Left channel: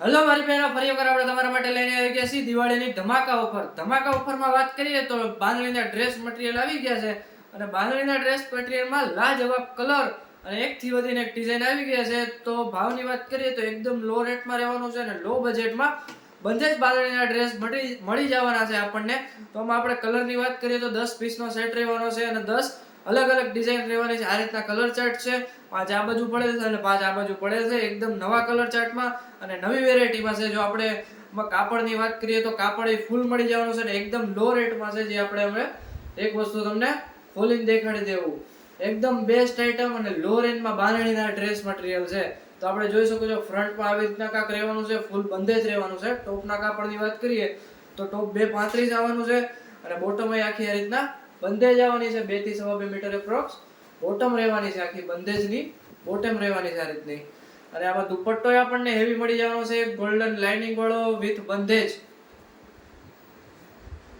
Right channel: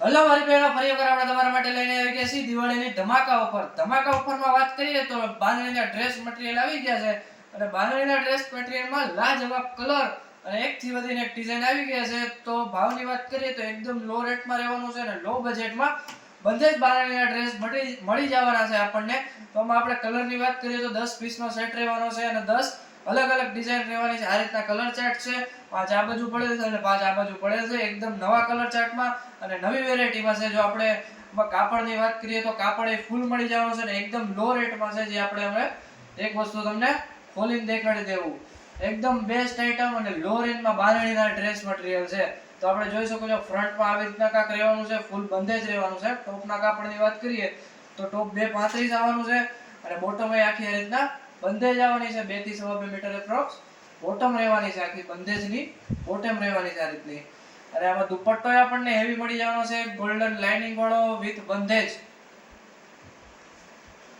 Hello મારી બહેનો, ફરી વખત આપણે તમારા માટે લઈને આવી ગયા છીએ દિવાળીની ધમાકા ઓફર. ધમાકા ઓફરમાં વાત કરીએ તો બાંધણીના ડ્રેસ મટીરિયલ આવી ગયા છે અને બાંધણીના ડ્રેસ મટીરિયલમાં લાજવાબ કલર અને એકથી વધીને એક ડિઝાઇન આવી ગયા છે. તો ભાવની વાત કરીએ તો એકદમ લો રેટમાં રહેવાનું છે અને લો બજેટમાં બધે જ બાંધણીના ડ્રેસ મળી મળી જવાના છે આપણને. તો આમાં આપણે કલરની વાત કરીએ તો દસ પીસનો સેટ રહેવાનો છે અને દસ અલગ અલગ ડિઝાઇન રહેવાની છે. આ રીતના કલર ચાર્ટ છે. પાંચ આ બાજુ પડેલ છે અને પાંચ આ બાજુ પડેલ છે. એકદમ નવા કલર ચાર્ટમાં અને નવી વેરાયટીમાં છે. જો આપણે કાપડની વાત કરીએ તો કાપડ એ ફૂલ મળી જવાનું છે ને એકદમ લો રેટમાં છે, જે આપણે હવે એક વસ્તુ તમને ખોલીને દેખાડી દેવું. એકદમ બેસ્ટ આઇટમ અને લો રેન્જમાં બારણીના ડ્રેસ મટીરિયલ છે. તો આપણે જોઈ શકો છો ફ્રન્ટમાં આવી રીતના કાંક રહેવાનું છે. ફૂલ બંધે જ રહેવાનું છે. ટોપના કાપડની વાત કરીએ તો ટોપ બે પાંત્રીસ આવવાનું છે અને બોટમ આખી આ રીતના બંધે જ આવવાની છે બેથી સવા બે મીટર એપ્રોક્સ બોટમ રહેવાની છે આખી બંધેજની. બોટમ રહેવાની છે આ રીતની. અને આમાં દુપટ્ટો આપણને હેવી મળી જવાનો છે. ગોલ્ડન લાઇનિંગ વાળો વિથ બંધેજ.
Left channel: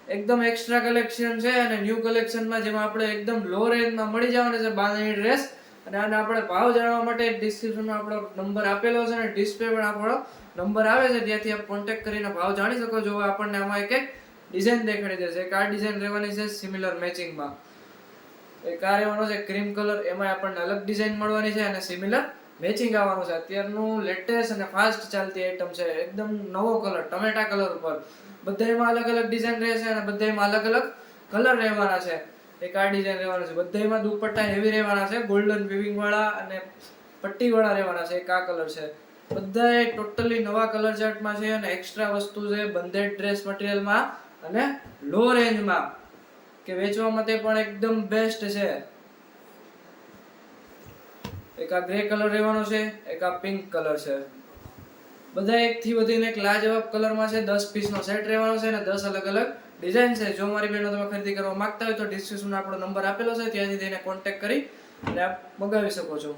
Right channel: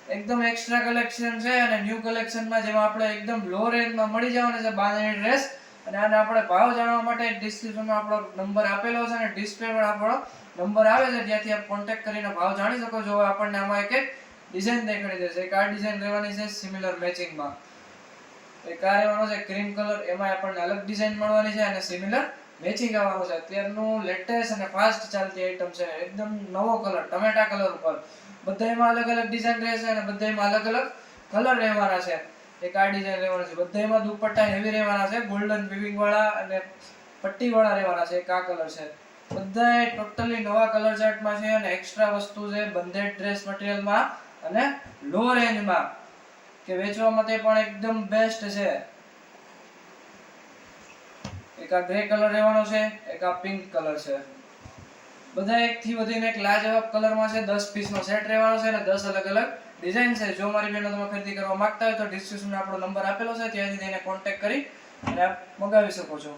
એકદમ એક્સ્ટ્રા કલેક્શન છે અને ન્યૂ કલેક્શનમાં જેમાં આપણે એકદમ લો રેન્જમાં મળી જવાનો છે બાંધણી ડ્રેસ અને આને આપણે ભાવ જાણવા માટે ડિસ્ક્રિપ્શનમાં આપણો નંબર આપેલો છે અને ડિસ્પ્લે પર આપણો નંબર આવે છે. ત્યાંથી આપ કોન્ટેક્ટ કરીને ભાવ જાણી શકો છો. આપણને આમાં એક એક ડિઝાઇન દેખાડી દેશે એક આ ડિઝાઇન રહેવાની છે સિમિલર મેચિંગમાં એક આ રહેવાનો છે ક્રીમ કલર એમાં આપણને અલગ ડિઝાઇન મળવાની છે અને સિમિલર મેચિંગ આવવાનું છે. અત્યારનું લેટેસ્ટ અને ફાસ્ટ ચાલતી આઈટમ છે. એકદમ નવો કલર ટમેટા કલર ઉપર. બધાયમાં અલગ અલગ ડિઝાઇન રહેશે અને બધાયમાં અલગ અલગ કલર રહેવાના છે. એક આ ડિઝાઇન રહેવાનું છે. બધામાં દુપટ્ટા હેવી રહેવાના છે. ગોલ્ડન વિવિંગ વાળા અને પટ્ટી વાળા રહેવાના છે. એક આ કલર છે. બધાય ટોટલી નવા કલર ચાર્ટમાં છે અને એક્સ્ટ્રા વસ્તુ છે. બંધેડ ડ્રેસ મટીરિયલમાં અને લો રેન્જમાં કે વેચવા માટે પણ એકદમ બેસ્ટ છે. એક આ ગ્રે કલર રહેવાનો છે, એક આ પિંક કલર છે. બધા એકથી વધીને એક લાજવાબ કલરમાં છે, દસ પીસનો સેટ રહેવાનો છે અને દસ અલગ અલગ ડિઝાઇન છે. જો મારી બહેનો તમે ખરીદી કરવા માંગતા હોય તો ડિસ્ક્રિપ્શનમાં આપણો નંબર આપેલો છે, ત્યાંથી તેને કોન્ટેક્ટ કરી અને આપ મગાવી શકો છો.